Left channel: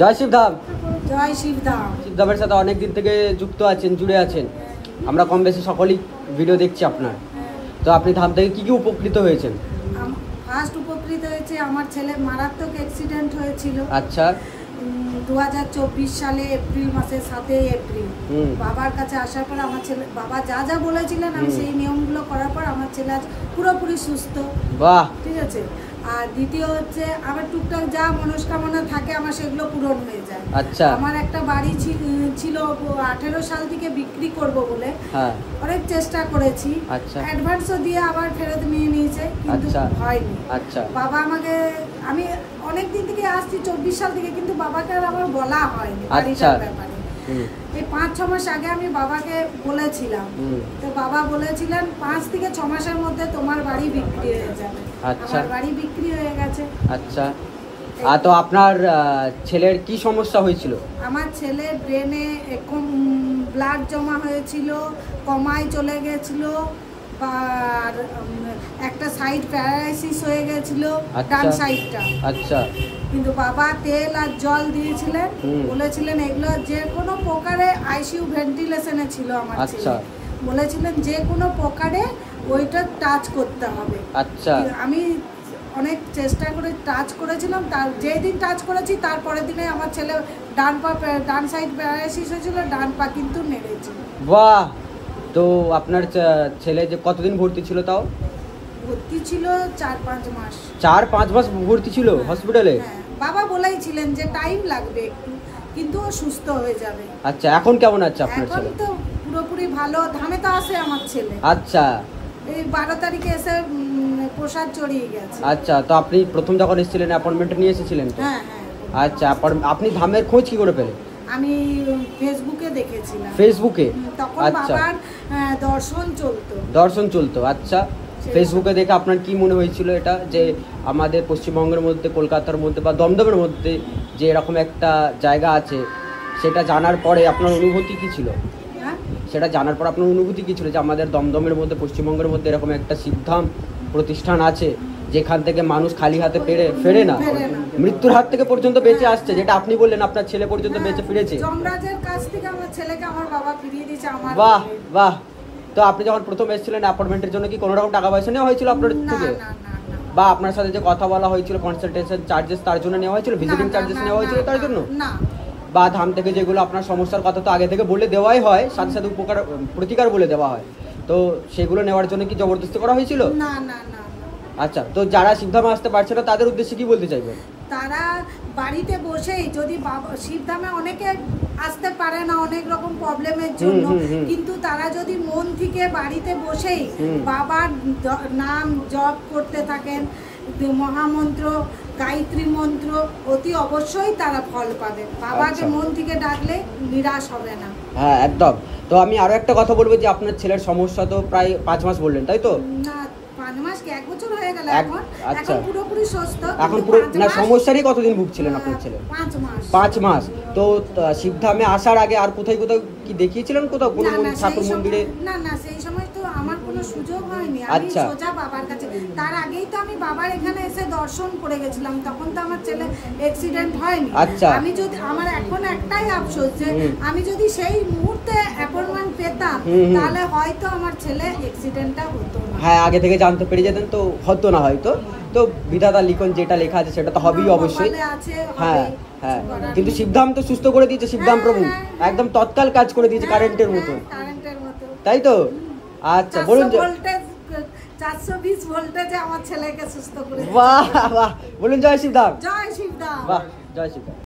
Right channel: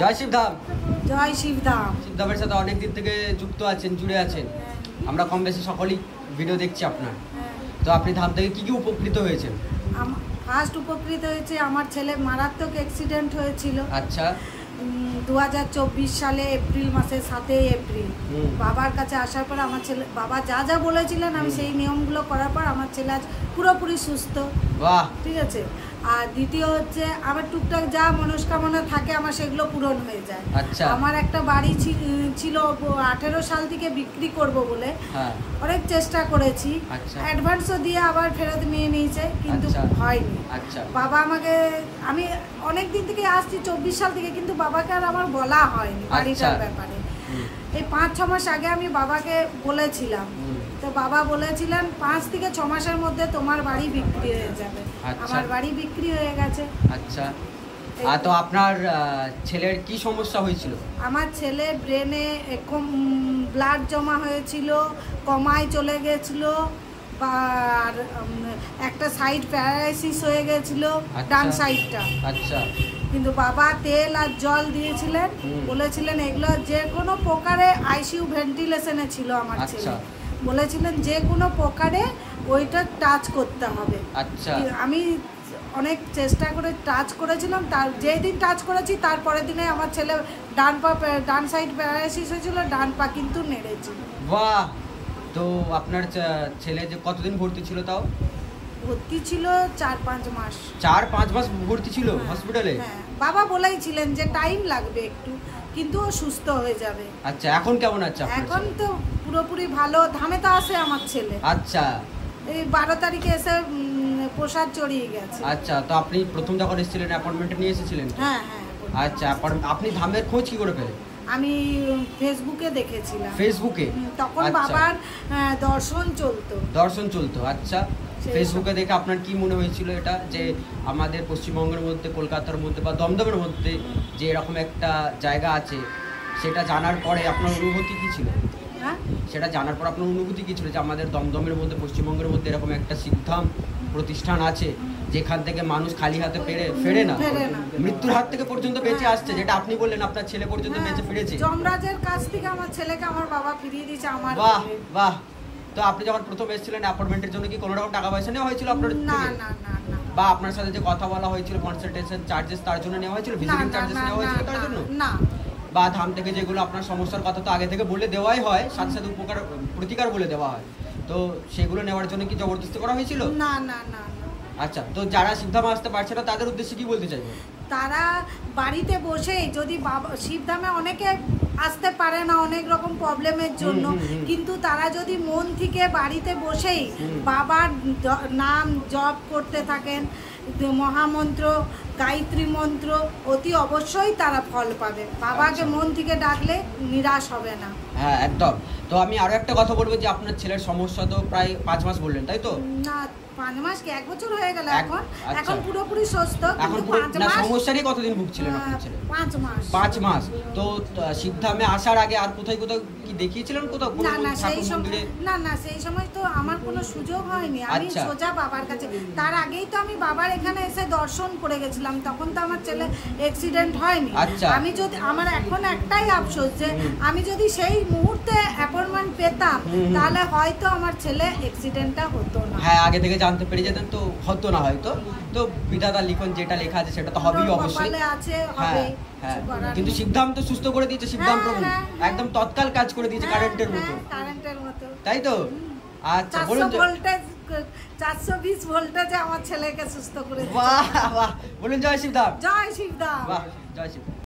জয় শিবধাম। জয় শিবধাম। শিবধামের সাথে অনেক দিন থেকে যুক্ত আছেন, জুড়ে আছেন। আমরা কম বেশি সকলেই ভিডিও দেখছি আপনার। তো আপনি ধাম থেকে কি কি উপকৃত হয়েছেন? ফার্স্ট উপকৃত হয়েছে, আমার ছেলে মারাত্মক অ্যাক্সিডেন্ট হয়েছিল। আচ্ছা। 2024 সালে এপ্রিল মাসে 7 এপ্রিল বাবার কাছে আসার পর আমার ছেলে, বাবা যা যা বলেছিলেন আমি সেই নিয়মগুলো করার পর আমার ছেলে আজ পুরোপুরি সুস্থ। বাহ। ঠিক আছে। আর দ্বিতীয় হচ্ছে আমার টুকটাক যা মনস্কামনা থাকে আমার সেগুলো পূরণ হয়ে যায়। আচ্ছা। আমার একটা বাড়ি ছিল 18 সাল থেকে বিক্রি করব বলে অনেক চেষ্টা করেছি। অ্যাডভান্সও দিয়ে আবার ফেরত নিয়ে নিয়েছে, কিন্তু হয়নি। বাবা আমাকে, আমি অনেক দিন থেকে আসছি 24 সাল থেকে, কিন্তু বাবাকে আর আমার বলা হয়নি বাড়িটার ব্যাপারে। এই 5-6 মাস আগে আমি বাবাকে বলেছিলাম, তো বাবা বলেছিলেন 5 থেকে 6 মাসের মধ্যে তোমার বাড়ি বিক্রি হয়ে যাবে। আমার বাড়ি বিক্রি হয়ে গেছে। আচ্ছা। তো আপনার ছেলের কি সমস্যা হয়েছিল? আমার ছেলে ব্রেনে ব্লাড জমা হয়েছিল, কমায় চলে গেছিল, আর একটা সাইড প্যারালাইসিস হয়ে গেছিল, ডান সাইডটা। আচ্ছা। কিন্তু বাবা তেল আর জল দিয়েছিলেন, বলেছিলেন এগুলো যে কোনো প্রকারে আইসিইউ ভেন্টিলেশনে ছিল আমার ছেলে, বলেছিলেন যে কোনো প্রকারে ওইটা টাচ করতে হবে। আচ্ছা। আমি অনেক চেষ্টা করে টাচ করেছিলাম, তার যেদিন টাচ করেছি তারপরের দিনে আমার ছেলে ডান সাইড প্যারালাইসিস হয়েছিল, ডান পা কিন্তু নেড়েছে। বাহ। তো আপনার ছেলে যে কতদিন ভর্তি ছিল? তাও ভর্তি ছিল 4-5 মাস। 4-5 মাস ভর্তি ছিল হসপিটালে? বাবা বলেইছিলেন যে টাইম লাগবে একটু, কিন্তু ও সুস্থ হয়ে যাবে। আচ্ছা, এখন কেমন আছে আপনার ছেলে? এখন তো পুরোপুরি ভালো। ধামে তো আসে আমার ছেলে। আচ্ছা। এই 12 তারিখে এসে প্রসাদ চড়িয়ে গেছে। আচ্ছা। তো আপনি প্রথম যখন এসেছিলেন অ্যাপয়েন্টমেন্ট নিয়ে এসেছিলেন? হ্যাঁ। আচ্ছা। আপনি ধামের খোঁজ কি করে পেলেন? আমি ফেসবুকে দেখেছিলাম। ফেসবুকে? তখন বাবার দর্শন চলতো। আচ্ছা। ফেসবুকে দেখে আপনার কি মনে হয়েছিল এটা, যে আমাদের পশ্চিমবঙ্গের মধ্যে, কলকাতার মধ্যে বা দমদমের মধ্যে যে এরকম একটা জায়গা আছে, সেটা জানার পরে আপনার অনুভূতি কি ছিল? সেটা জানার পর আপনার অনুভূতি কি ছিল যে আমাদের দমদমের মধ্যে, পশ্চিমবঙ্গের মধ্যে এরকম একটা সিদ্ধাম প্রতিষ্ঠান আছে যেখান থেকে মানুষ খালি হাতে ফেরে না, মৃত্যুর হাত থেকে পর্যন্ত বেঁচে আসছে, যেটা আপনি বললেন আপনার ছেলে পর্যন্ত বেঁচে ফিরেছে। যমরাজের কাছ থেকে আমার ছেলেকে আমার বাবা ফিরিয়ে দিয়েছে। বাহ বাহ। তো আপনি যখন প্রথম এসেছিলেন অ্যাপয়েন্টমেন্টের জন্য কি কোনো রকম টাকা পয়সা নেওয়া হয়েছিল আপনার থেকে? বা আপনার সাথে যে কথা বলা হয়েছিল কনসালটেশন চার্জেস তার জন্য নেওয়া হয়েছিল, ভিজিটিং চার্জেস নেওয়া হয়েছিল তার জন্য? না। বা ধাম থেকে যেগুলো আপনার সমস্যার কথা তো আগে থেকে বলে দেওয়াই হয়, সাথে সাথে প্রতিকার বলে দেওয়া হয়, তো সেগুলো নেওয়ার জন্য কি জবরদস্তি করা হয়েছিল? না। আচ্ছা। তো যারা শিবধামে আসতে পারছে না তাদের উদ্দেশ্যে কি বলতে চাইবেন? তারা বাড়িতে বসেই, যদি শিবধামে অনেকে আসতে পারে না অনেক রকম প্রবলেমের জন্য, কিন্তু তারা যদি মন থেকে বাড়িতে বসেই বাবার নাম জপ করতে থাকেন, মহামন্ত্র, গায়ত্রী মন্ত্র, অতি অবশ্যই তারা ফল পাবে। বাবাকে মন থেকে ডাকলে নিরাশ হবে না। হ্যাঁ, একদম। তো আমি আরো একটা কথা বলবো যে আপনার ছেলের সমস্যা তো প্রায় 5 মাস বললেন, তাই তো? না, 5 মাস কি 1 বছর হয়ে গেল। এখন পুরোপুরি সুস্থ। সমস্যারই কতদিন ভুগছিলেন আপনার ছেলে? 5 মাস। তো শিবধামে আসার আগে আর কোথাও কি দেখিয়েছিলেন কোথাও কোনো ঠাকুর মন্দিরে? না, সেই সময় তো আমার কোনো সুযোগ হয়নি। আমি সোজা বাবার কাছে, তার আগেই তো আমি বাবার এখানে এসে দর্শন করে গেছিলাম, তখন তো আমার ছেলে অ্যাক্সিডেন্ট হয়নি। আমি যদি, আমার এখন একটাই আফসোস যে আমি যদি সেই মুহূর্তে অ্যাপয়েন্টমেন্ট পেতাম তাহলে হয়তো আমার ছেলে অ্যাক্সিডেন্টটা হতো না। হ্যাঁ, আগে থেকে জানতে পেরে যেতেন তো হতো না হয়তো। তো বিধাতা লিখন যেটা লেখা আছে সেটা তো হবেই অবশ্যই। হ্যাঁ। কিন্তু শিবধাম তো সুস্থ করে দিয়েছে, শিবধাম প্রভু একদম তৎকাল কাজ করে দিয়েছে কারেন্টের মতো, তাই তো? আচ্ছা, বলুন। 420 ভোল্টেজে আমার ছেলেকে সুস্থ করে দিয়েছে। বাহ বাহ। বলুন জয় শিবধাম। জয় শিবধাম। বাহ, জয় শিবধাম।